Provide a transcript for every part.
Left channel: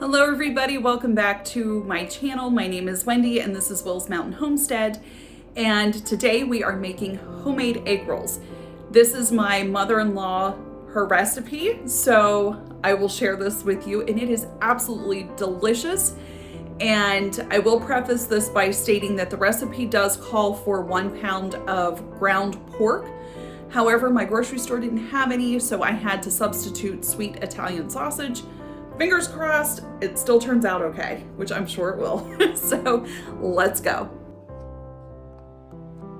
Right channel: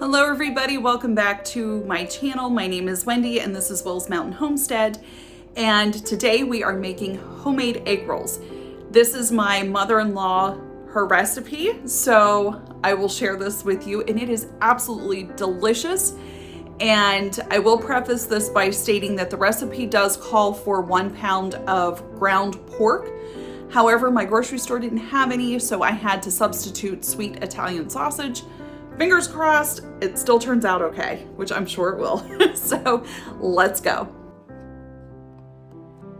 Hello everybody, welcome back to my channel. My name is Wendy and this is Will's Mountain Homestead. And today we are making homemade egg rolls. This is my mother-in-law, her recipe, so I will share this with you and it is absolutely delicious. And I will preface this by stating that the recipe does call for 1 pound of ground pork. However, my grocery store didn't have any, so I had to substitute sweet Italian sausage. Fingers crossed, it still turns out okay, which I'm sure it will. So let's go.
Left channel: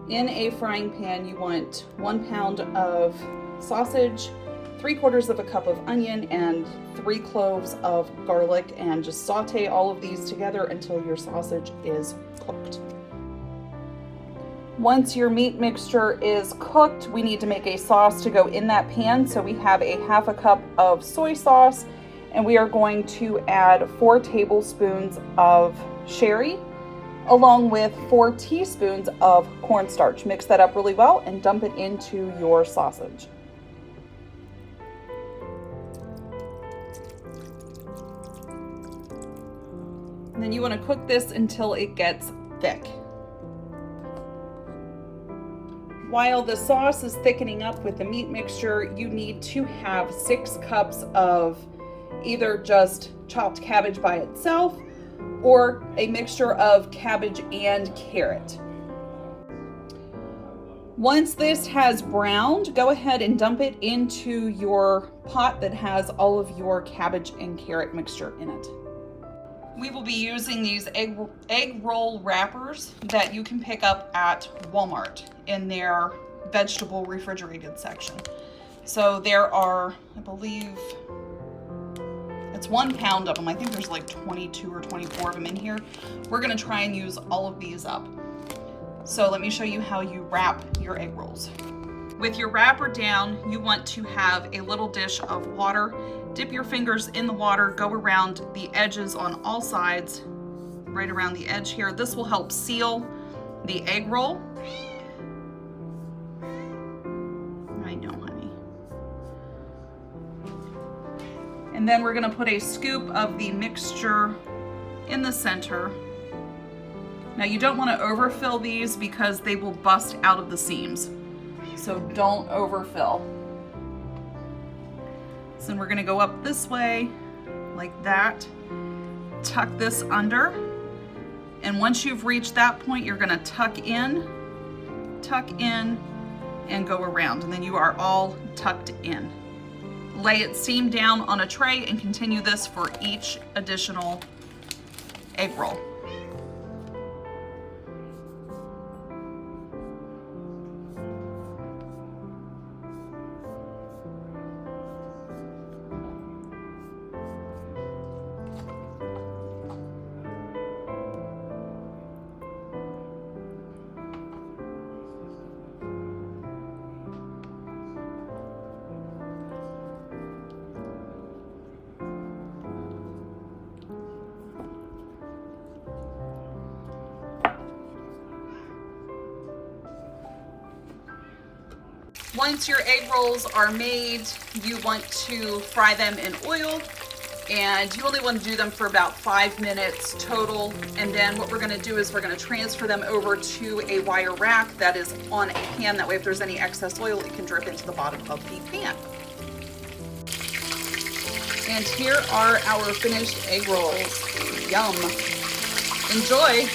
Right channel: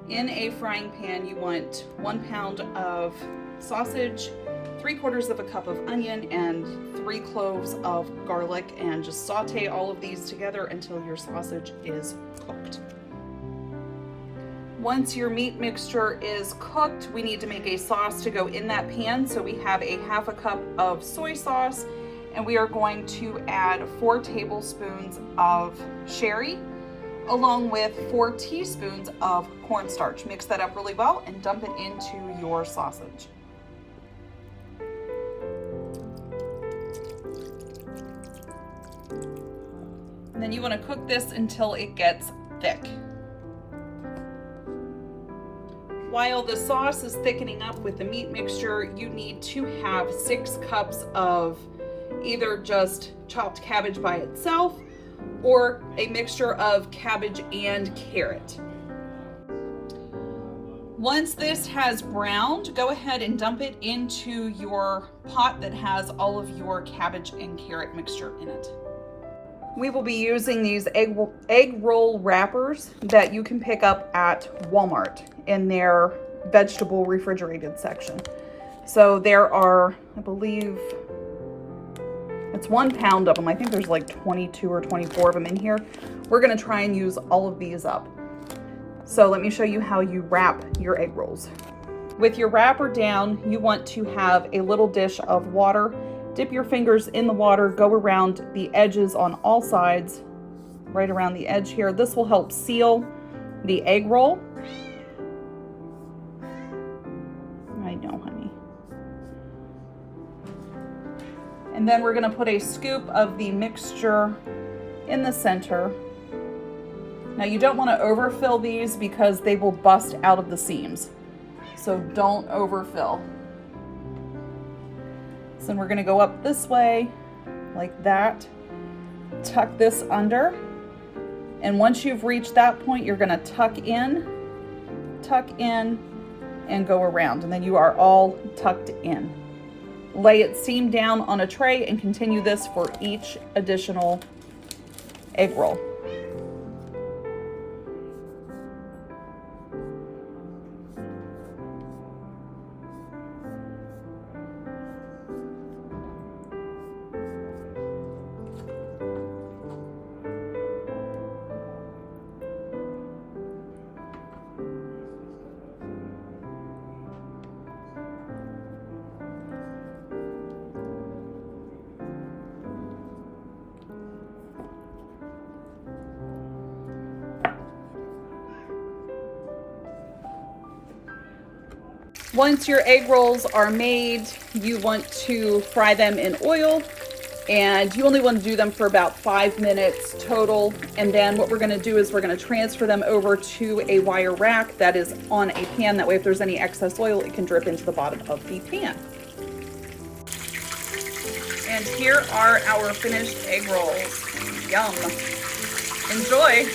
In a frying pan, you want 1 pound of sausage, 3/4 cup of onion, and 3 cloves of garlic, and just saute all of these together until your sausage is cooked. Once your meat mixture is cooked, we need to make a sauce to go in that pan. So we have a 1/2 cup of soy sauce, and we are going to add 4 tablespoons of sherry along with 4 teaspoons of cornstarch. Mix that up really well and dump it into your sausage. And then you want to cook this until it gets thick. While the sauce is thickening up with the meat mixture, you need to have 6 cups of either just chopped cabbage by itself or a mixture of cabbage and carrot. Once this has browned, go ahead and dump it into your pot that has all of your cabbage and carrot mixture in it. We will be using these egg roll wrappers that you can pick up at Walmart in their vegetable refrigerated section. So there are, I believe, it's 1 pound of them. I think there's like 22 or 24 of them in here. We're gonna try and use all of these up. So let me show you how you wrap your egg rolls. With your wrapper down, you want to have a little dish of water. Dip your fingers in the water, go around the edges on all sides, right around the edge here. This will help seal the egg roll. I know, honey. And then we're gonna put a scoop of the mixture in the center. Now you don't wanna overfill these because they will bust out of the seams. So don't overfill. So then we're gonna go up this way, like that. Tuck this under. And once you've reached that point, you're gonna tuck in, and go around. And then you are all tucked in. Lay it seam down on a tray and continue this for each additional egg roll. Once your egg rolls are made, you want to fry them in oil, and you only want to do them for about 5 minutes total. And then what we're going to do is we're going to transfer them over to a wire rack that is on a pan. That way if there's any excess oil, it can drip into the bottom of the pan. And here are our finished egg rolls. Yum. Enjoy.